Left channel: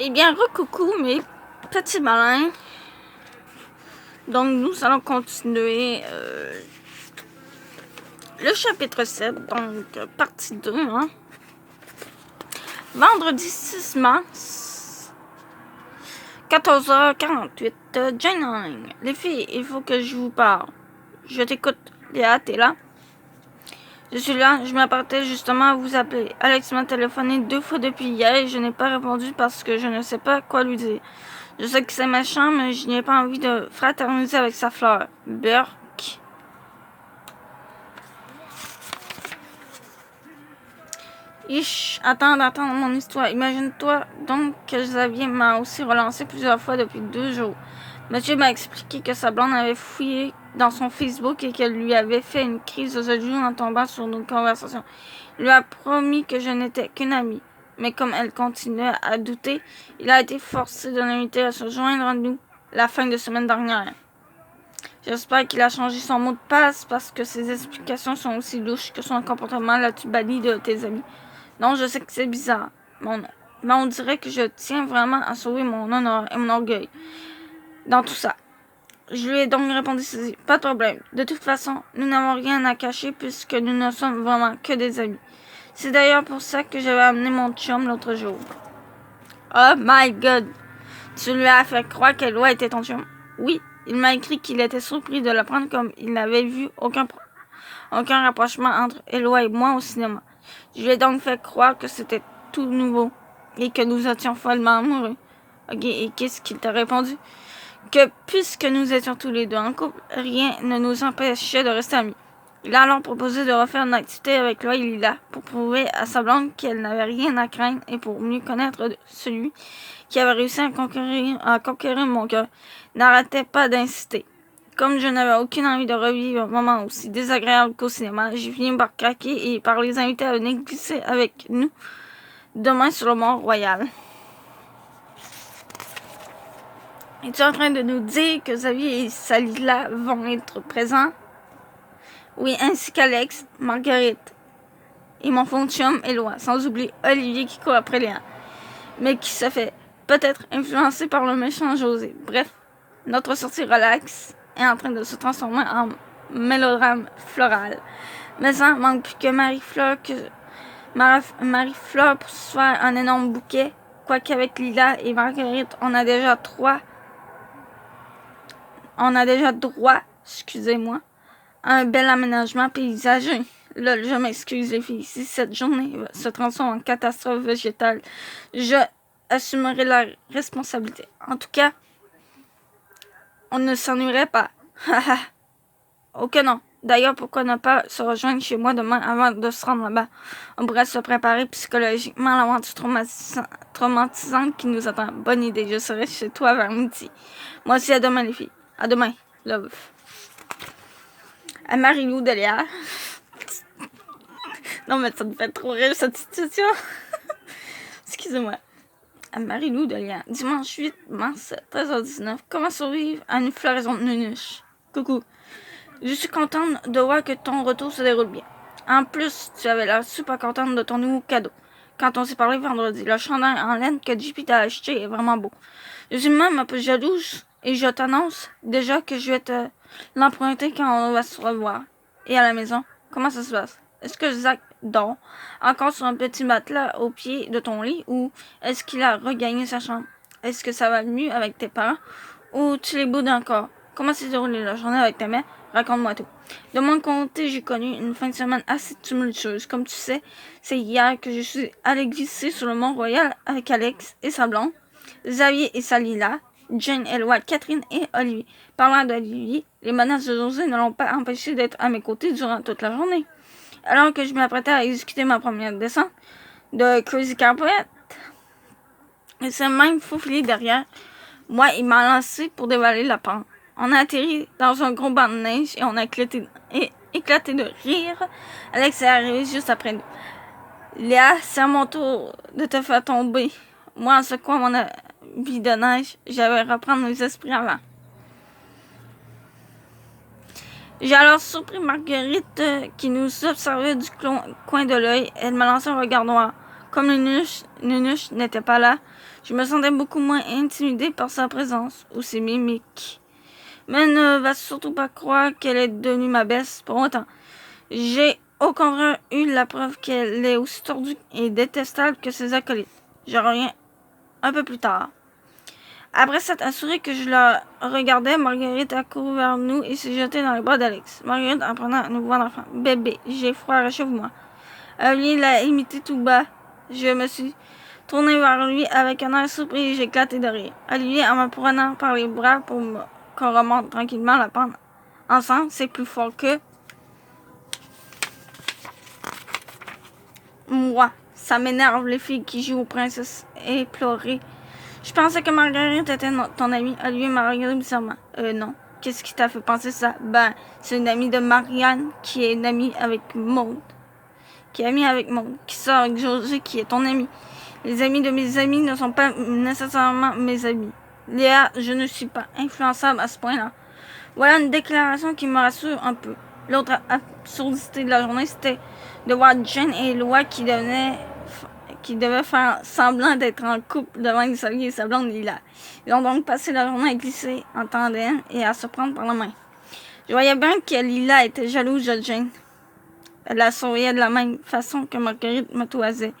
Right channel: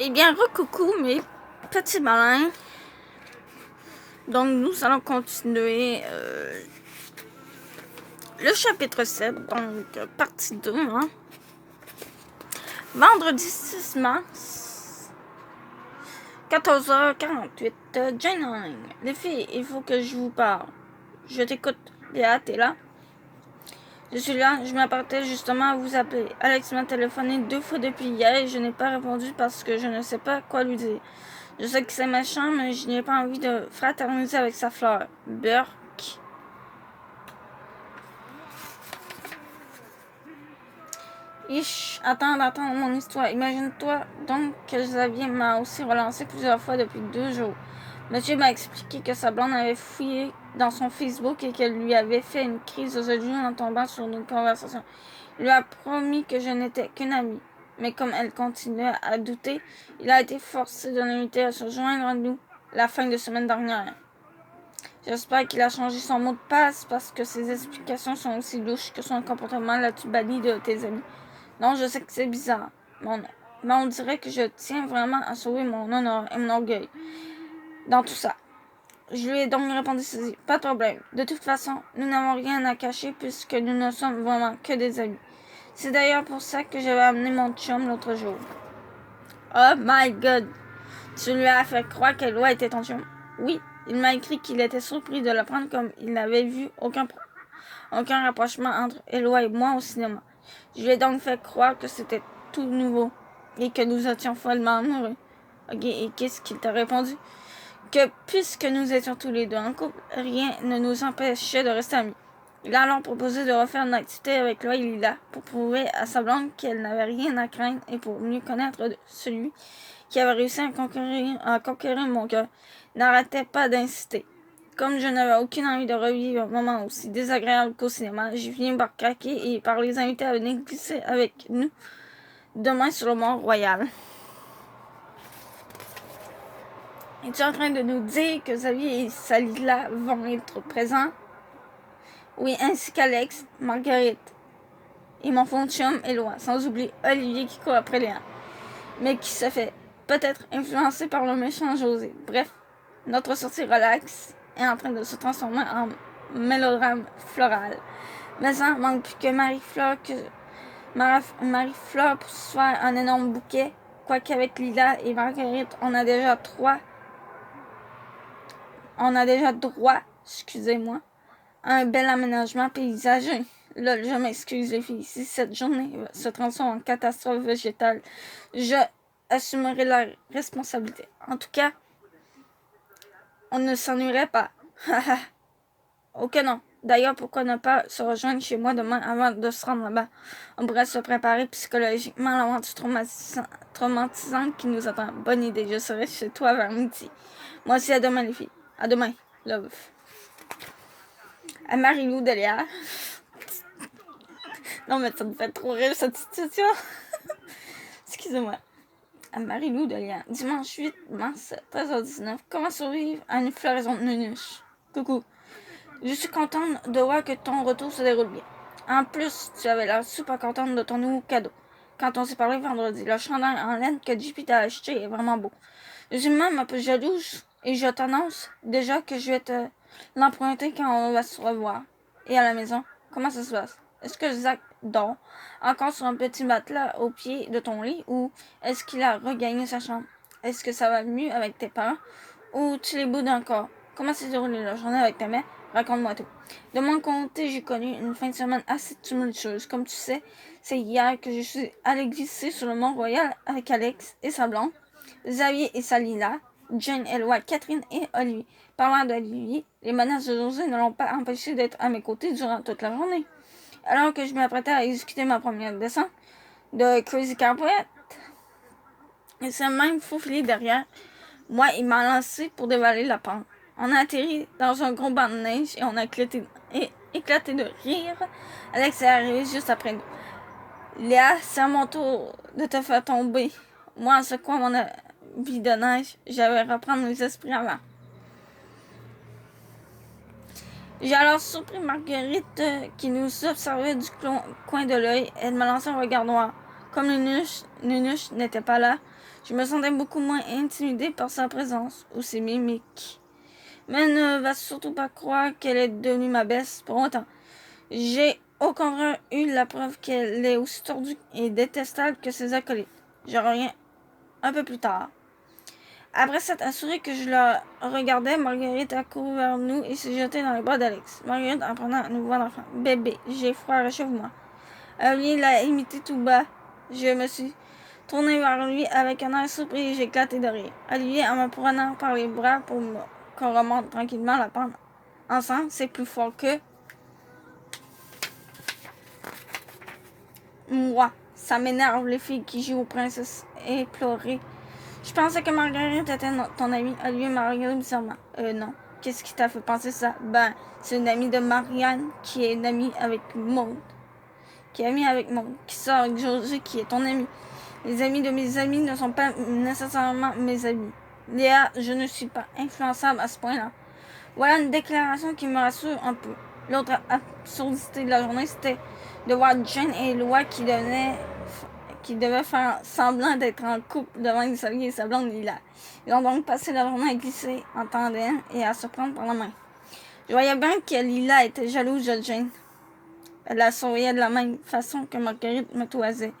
Eh bien, recoucou mes petits malins. Donc, nous allons continuer le chapitre 7, donc partie 2. Hein. Vendredi 6 mars, 14h48, Jane en ligne. Les filles, il faut que je vous parle. Je t'écoute. Léa, t'es là? Je suis là, je m'apprêtais justement à vous appeler. Alex m'a téléphoné 2 fois depuis hier et je n'ai pas répondu parce que je ne sais pas quoi lui dire. Je sais que c'est méchant, mais je n'ai pas envie de fraterniser avec sa fleur. Burk. Attends mon histoire. Imagine-toi donc que Xavier m'a aussi relancé plusieurs fois depuis 2 jours. Monsieur m'a expliqué que sa blonde avait fouillé dans son Facebook et qu'elle lui avait fait une crise aux yeux en tombant sur nos conversations. Il lui a promis que je n'étais qu'une amie. Mais comme elle continuait à douter, il a été forcé de l'inviter à se joindre à nous la fin de semaine dernière. J'espère qu'il a changé son mot de passe parce que ses explications sont aussi louches que son comportement. L'as-tu banni de tes amis? Non, je sais que c'est bizarre, mais on dirait que je tiens vraiment à sauver mon honneur et mon orgueil dans tout ça. Je lui ai donc répondu ceci. Pas de problème. De toute façon, nous n'avons rien à cacher puisque nous ne sommes vraiment que des amis. C'est d'ailleurs pour ça que j'avais amené mon chum l'autre jour. Oh my god! Tu lui as fait croire qu'Eloi était ton chum? Oui, il m'a écrit qu'il était surpris de l'apprendre comme il n'avait vu aucun rapprochement entre Eloi et moi au cinéma. Je lui ai donc fait croire que c'était tout nouveau et que nous étions follement amoureux. Ok, et qu'est-ce qu'il t'a répondu? Que puisque nous étions tous les deux en couple, rien ne nous empêchait de rester amis. Il a alors proposé de refaire une activité avec Loa et Lila pour prouver à sa blonde qu'elle n'avait rien à craindre et pour mieux connaître celui qui avait réussi à conquérir mon cœur. N'arrêtait pas d'insister. Comme je n'avais aucune envie de revivre un moment aussi désagréable qu'au cinéma, j'ai fini par craquer et par les inviter à venir glisser avec nous demain sur le Mont-Royal. Es-tu en train de nous dire que Xavier et Salila vont être présents? Oui, ainsi qu'Alex, Marguerite et mon fond de chum Éloi, sans oublier Olivier qui court après Léa, mais qui se fait peut-être influencer par le méchant José. Bref, notre sortie relax est en train de se transformer en mélodrame floral. Mais ça manque plus que Marie-Fleur pour se faire un énorme bouquet, quoiqu'avec Lila et Marguerite, on a déjà droit, excusez-moi, à un bel aménagement paysager. Là, je m'excuse les filles, si cette journée se transforme en catastrophe végétale, je assumerai la responsabilité. En tout cas, on ne s'ennuierait pas. Ok non. D'ailleurs, pourquoi ne pas se rejoindre chez moi demain avant de se rendre là-bas? On pourrait se préparer psychologiquement à l'aventure traumatisante qui nous attend. Bonne idée, je serai chez toi vers midi. Moi aussi, à demain les filles. À demain. Love. À Marie-Lou de Léa. Non mais ça me fait trop rire cette situation. Excusez-moi. À Marie-Lou de Léa. Dimanche 8 mars, 13h19. Comment survivre à une floraison de nunuche? Coucou. Je suis contente de voir que ton retour se déroule bien. En plus, tu avais l'air super contente de ton nouveau cadeau. Quand on s'est parlé vendredi, le chandail en laine que JP t'a acheté est vraiment beau. Je suis même un peu jalouse et je t'annonce déjà que je vais te l'emprunter quand on va se revoir. Et à la maison, comment ça se passe? Est-ce que Zach dort encore sur un petit matelas au pied de ton lit ou est-ce qu'il a regagné sa chambre? Est-ce que ça va mieux avec tes parents ou tu les boudes encore? Comment s'est déroulée la journée avec ta mère? Raconte-moi tout. De mon côté, j'ai connu une fin de semaine assez tumultueuse. Comme tu sais, c'est hier que je suis allée glisser sur le Mont-Royal avec Alex et sa blonde, Xavier et Salila, Jane, Eloi, Catherine et Olivier. Parlant d'Olivier, les menaces de José ne l'ont pas empêché d'être à mes côtés durant toute la journée. Alors que je m'apprêtais à exécuter ma première descente de Crazy Carpet, il s'est même faufilé derrière moi et m'a lancé pour dévaler la pente. On a atterri dans un gros banc de neige et on a éclaté de rire. Alex est arrivé juste après nous. Léa, c'est à mon tour de te faire tomber. Moi, en secouant mon habit de neige, j'avais reprendre mes esprits avant. J'ai alors surpris Marguerite qui nous observait du coin de l'œil. Elle m'a lancé un regard noir. Comme Nunuche n'était pas là, je me sentais beaucoup moins intimidée par sa présence ou ses mimiques. Mais ne va surtout pas croire qu'elle est devenue ma baisse pour autant. J'ai au contraire eu la preuve qu'elle est aussi tordue et détestable que ses acolytes. Je reviens un peu plus tard. Après s'être assuré que je la regardais, Marguerite a couru vers nous et s'est jetée dans les bras d'Alex. Marguerite en prenant un nouveau enfant. Bébé, j'ai froid, réchauffe-moi. Olivier l'a imité tout bas. Je me suis tournée vers lui avec un air surpris et j'ai éclaté de rire. Olivier, en me prenant par les bras pour qu'on remonte tranquillement la pente ensemble, c'est plus fort que moi. Ça m'énerve les filles qui jouent aux princesses et pleurer. Je pensais que Marguerite était ton amie. Olivier m'a regardé bizarrement. Non. Qu'est-ce qui t'a fait penser ça? Ben, c'est une amie de Marianne qui est une amie avec Maud. Qui est amie avec Maud. Qui sort avec José qui est ton amie. Les amis de mes amis ne sont pas nécessairement mes amis. Léa, je ne suis pas influençable à ce point-là. Voilà une déclaration qui me rassure un peu. L'autre absurdité de la journée, c'était de voir Jane et Eloi qui devaient faire semblant d'être en couple devant Xavier et sa blonde Lila. Ils ont donc passé la journée à glisser en tandem et à se prendre par la main. Je voyais bien que Lila était jalouse de Jane. Elle la souriait de la même façon que Marguerite me toisait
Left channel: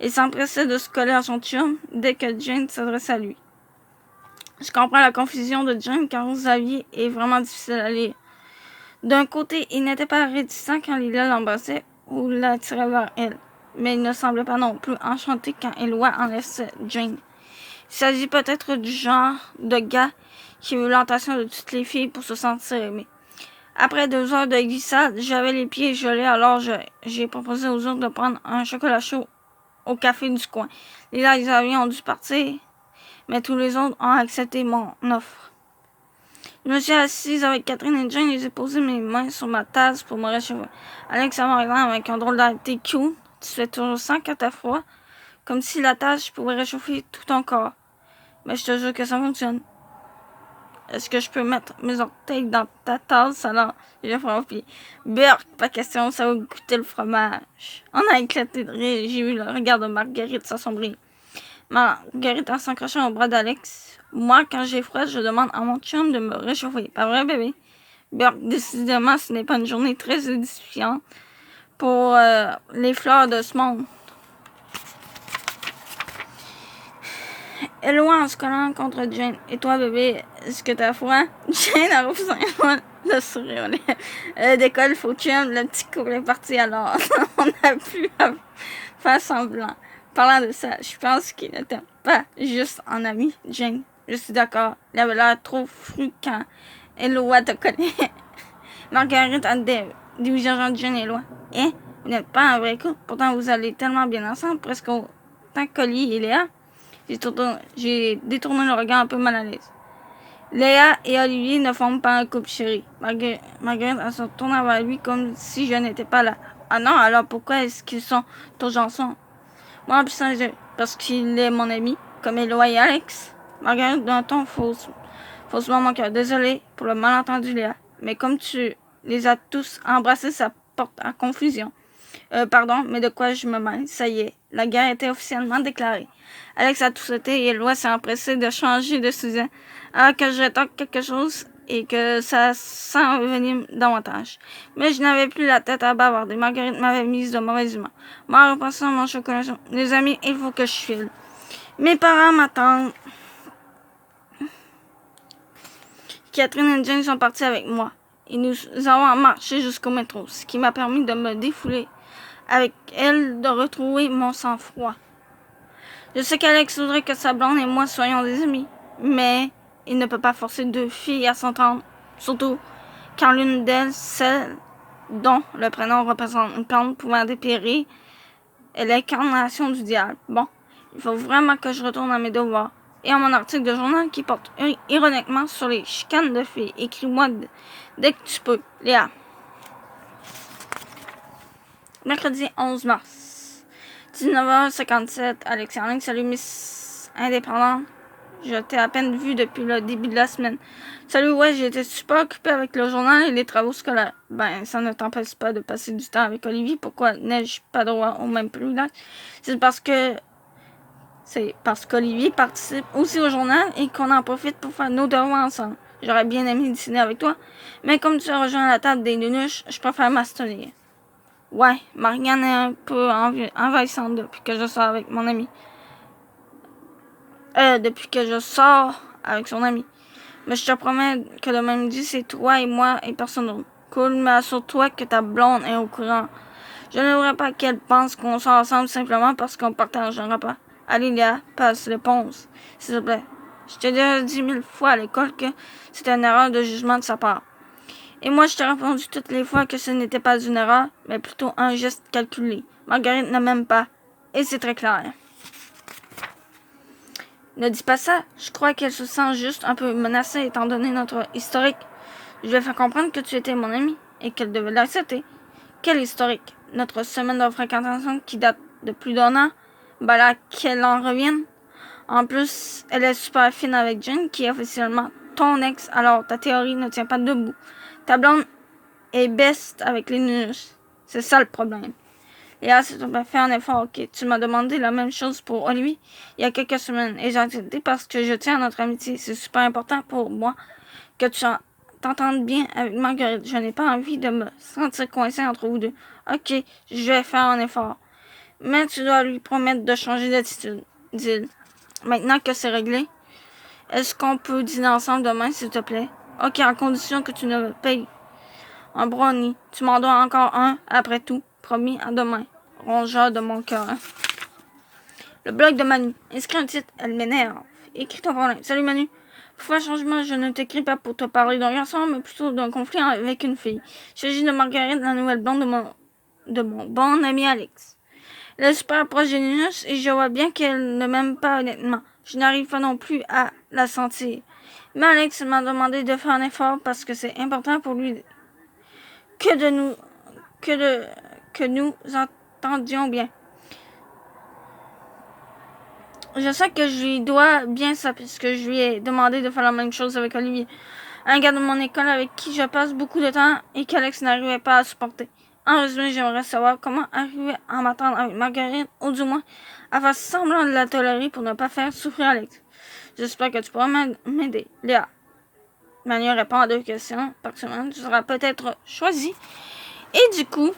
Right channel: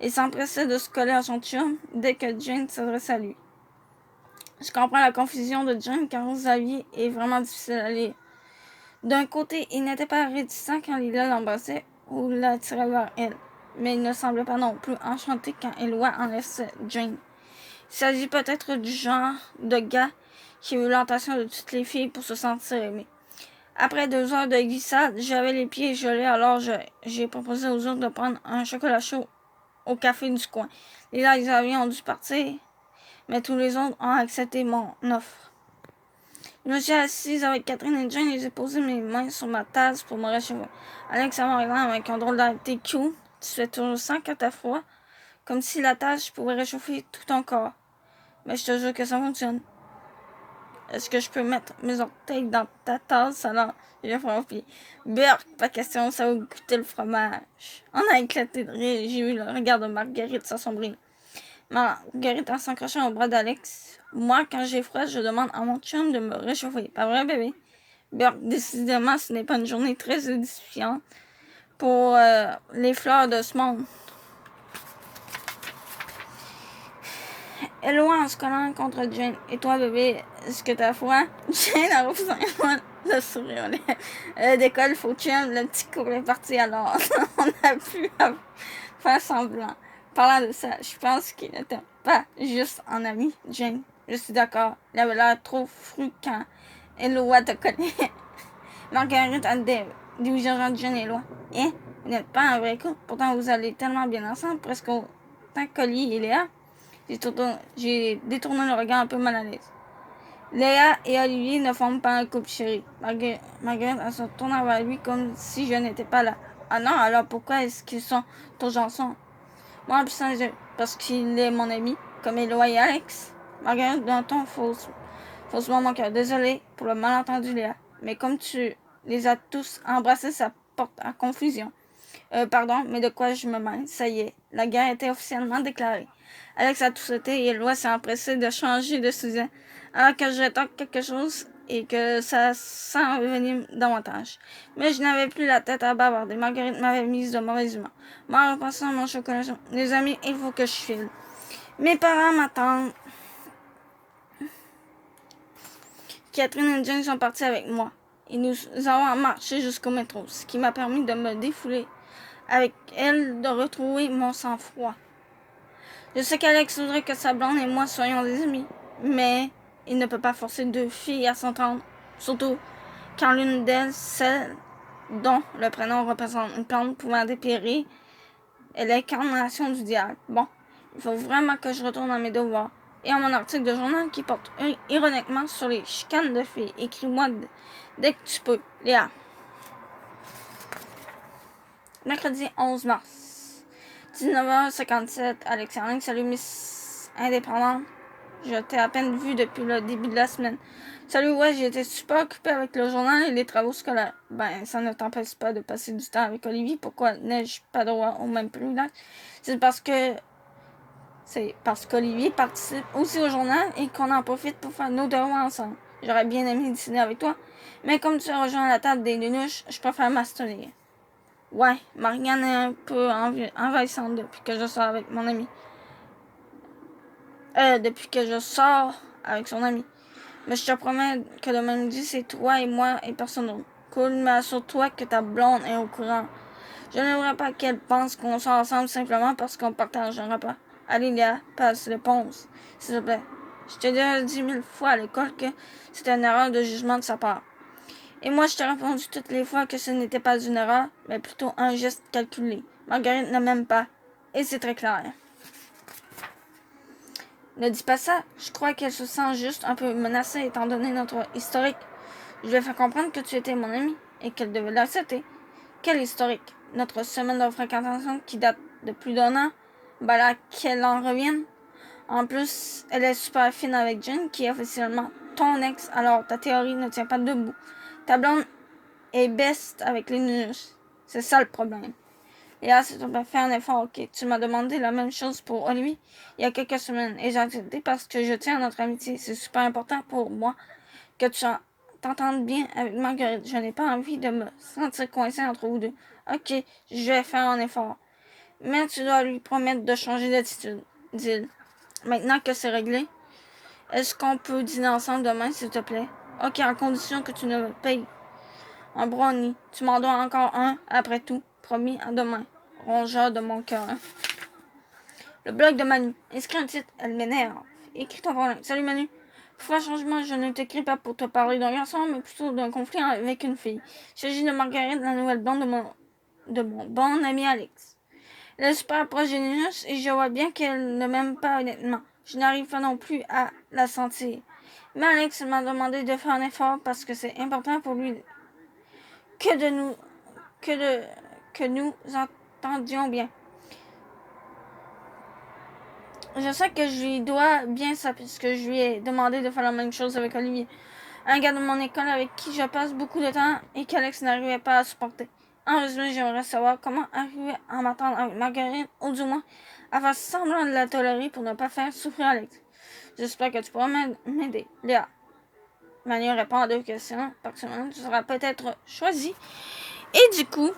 et s'empressait de se coller à son chum dès que Jane s'adressait à lui. Je comprends la confusion de Jane car Xavier est vraiment difficile à lire. D'un côté, il n'était pas réticent quand Lila l'embrassait ou l'attirait vers elle, mais il ne semblait pas non plus enchanté quand Eloi enlaçait Jane. Il s'agit peut-être du genre de gars qui a eu l'attention de toutes les filles pour se sentir aimé. Après 2 heures de glissade, j'avais les pieds gelés, alors j'ai proposé aux autres de prendre un chocolat chaud au café du coin. Lila et Xavier ont dû partir, mais tous les autres ont accepté mon offre. Je me suis assise avec Catherine et Jane et j'ai posé mes mains sur ma tasse pour me réchauffer. Alex m'a regardé avec un drôle d'air. T'es cute, tu fais toujours ça quand t'as froid, comme si la tasse pouvait réchauffer tout ton corps. Mais je te jure que ça fonctionne. Est-ce que je peux mettre mes orteils dans ta tasse alors? J'ai froid au pied. Burk, pas question, ça va goûter le fromage. On a éclaté de rire, j'ai eu le regard de Marguerite s'assombrir. Marguerite en s'accrochant au bras d'Alex. Moi, quand j'ai froid, je demande à mon chum de me réchauffer. Pas vrai, bébé? Burk, décidément, ce n'est pas une journée très édifiante pour les fleurs de ce monde. Eloi en se collant contre Jane. Et toi, bébé, est-ce que t'as froid? Jane a repoussé le sourire. D'école, faut chum, le petit cours est parti alors. On a pu faire semblant. Parlant de ça, je pense qu'il n'était pas juste en ami, Jane. Je suis d'accord. Il avait l'air trop fru quand Eloi te connaît. Marguerite a dirigé Jane et Eloi. Hein? Vous n'êtes pas un vrai couple. Pourtant, vous allez tellement bien ensemble, presque autant que Colly et Léa. J'ai détourné le regard un peu mal à l'aise. Léa et Olivier ne forment pas un couple chéri. Marguerite se tourna vers lui comme si je n'étais pas là. Ah non, alors pourquoi est-ce qu'ils sont tous ensemble? Moi, en plus, parce qu'il est mon ami, comme Eloi et Alex. Marguerite, d'un ton faussement mon cœur. Désolé pour le malentendu, Léa. Mais comme tu les as tous embrassés, ça porte à confusion. Pardon, mais de quoi je me mêle? Ça y est, la guerre était officiellement déclarée. Alex a tout sauté et Eloi s'est empressé de changer de sujet alors que je tente quelque chose et que ça s'envenime davantage. Mais je n'avais plus la tête à bavarder. Marguerite m'avait mise de mauvaise humeur. Moi, en repassant mon chocolat chaud. Les amis, il faut que je file. Mes parents m'attendent. Catherine et Jane sont partis avec moi. Et nous avons marché jusqu'au métro, ce qui m'a permis de me défouler avec elle, de retrouver mon sang-froid. Je sais qu'Alex voudrait que sa blonde et moi soyons des amis, mais il ne peut pas forcer 2 filles à s'entendre, surtout quand l'une d'elles, celle dont le prénom représente une plante pouvant dépérir, est l'incarnation du diable. Bon, il faut vraiment que je retourne à mes devoirs. Et à mon article de journal qui porte ironiquement sur les chicanes de filles. Écris-moi dès que tu peux, Léa. Mercredi 11 mars. 19h57, Alex en ligne. Salut, Miss Indépendante. Je t'ai à peine vu depuis le début de la semaine. Salut, ouais, j'ai été super occupée avec le journal et les travaux scolaires. Ben, ça ne t'empêche pas de passer du temps avec Olivier. Pourquoi n'ai-je pas droit au même privilège? C'est parce qu'Olivier participe aussi au journal et qu'on en profite pour faire nos devoirs ensemble. J'aurais bien aimé dîner avec toi, mais comme tu as rejoint la table des nunuches, je préfère m'abstenir. Ouais, Marianne est un peu envahissante depuis que je sors avec mon ami. Depuis que je sors avec son ami. Mais je te promets que le même dit, c'est toi et moi et personne d'autre. Cool, mais assure-toi que ta blonde est au courant. Je ne voudrais pas qu'elle pense qu'on sort ensemble simplement parce qu'on partage un repas. Allez, Léa, passe l'éponge, s'il te plaît. Je t'ai déjà dit 1000 fois à l'école que c'était une erreur de jugement de sa part. Et moi, je t'ai répondu toutes les fois que ce n'était pas une erreur, mais plutôt un geste calculé. Marguerite ne m'aime pas. Et c'est très clair. Ne dis pas ça. Je crois qu'elle se sent juste un peu menacée étant donné notre historique. Je lui ai fait comprendre que tu étais mon ami et qu'elle devait l'accepter. Quel historique? Notre semaine de fréquentation qui date de plus d'1 an? Ben là, qu'elle en revienne. En plus, elle est super fine avec Jen, qui est officiellement ton ex, alors ta théorie ne tient pas debout. Ta blonde est best avec les nus. C'est ça le problème. Léa, s'il te plaît, fais un effort, ok? Tu m'as demandé la même chose pour Olivier il y a quelques semaines et j'ai accepté parce que je tiens à notre amitié. C'est super important pour moi que tu t'entendes bien avec Marguerite. Je n'ai pas envie de me sentir coincée entre vous deux. Ok, je vais faire un effort. Mais tu dois lui promettre de changer d'attitude, dit-il. Maintenant que c'est réglé, est-ce qu'on peut dîner ensemble demain, s'il te plaît? Ok, à condition que tu ne me payes un brownie. Tu m'en dois encore un, après tout. Promis, à demain. Rongeur de mon cœur. Le blog de Manu. Inscris un titre, elle m'énerve. Écris ton problème. Salut Manu. Pour faire changement, je ne t'écris pas pour te parler d'un garçon, mais plutôt d'un conflit avec une fille. Il s'agit de Marguerite, la nouvelle blonde de mon bon ami Alex. Elle est super proche de Linus et je vois bien qu'elle ne m'aime pas honnêtement. Je n'arrive pas non plus à la sentir. Mais Alex m'a demandé de faire un effort parce que c'est important pour lui que nous entendions bien. Je sais que je lui dois bien ça puisque je lui ai demandé de faire la même chose avec Olivier, un gars de mon école avec qui je passe beaucoup de temps et qu'Alex n'arrivait pas à supporter. En résumé, j'aimerais savoir comment arriver à m'attendre avec Marguerite ou du moins à faire semblant de la tolérer pour ne pas faire souffrir Alex. J'espère que tu pourras m'aider. Léa. Manu répond à 2 questions par semaine. Tu seras peut-être choisi. Et du coup,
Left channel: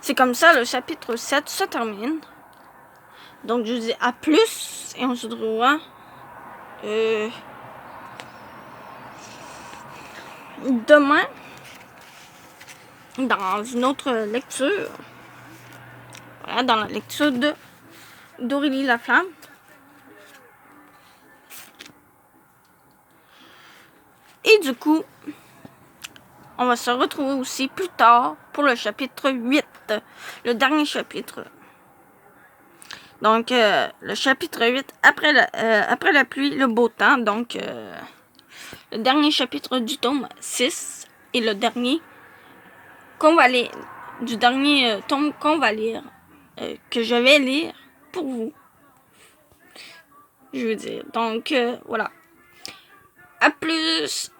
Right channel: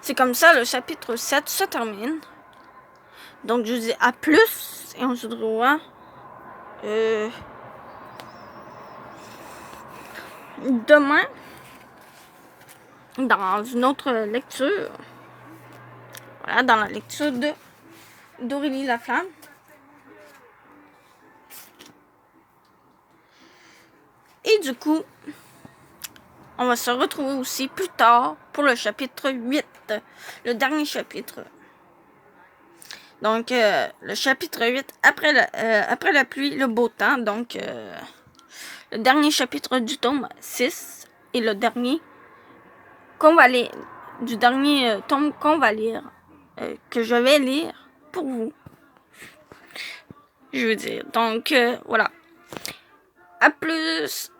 c'est comme ça le chapitre 7 se termine. Donc je vous dis à plus et on se retrouvera demain dans une autre lecture. Voilà, dans la lecture d'Aurélie Laflamme. Et du coup, on va se retrouver aussi plus tard pour le chapitre 8, le dernier chapitre. Donc, le chapitre 8, après la pluie, le beau temps. Donc, le dernier chapitre du tome 6 et le dernier qu'on va lire, du dernier tome qu'on va lire, que je vais lire pour vous. Je veux dire. Donc, voilà. À plus!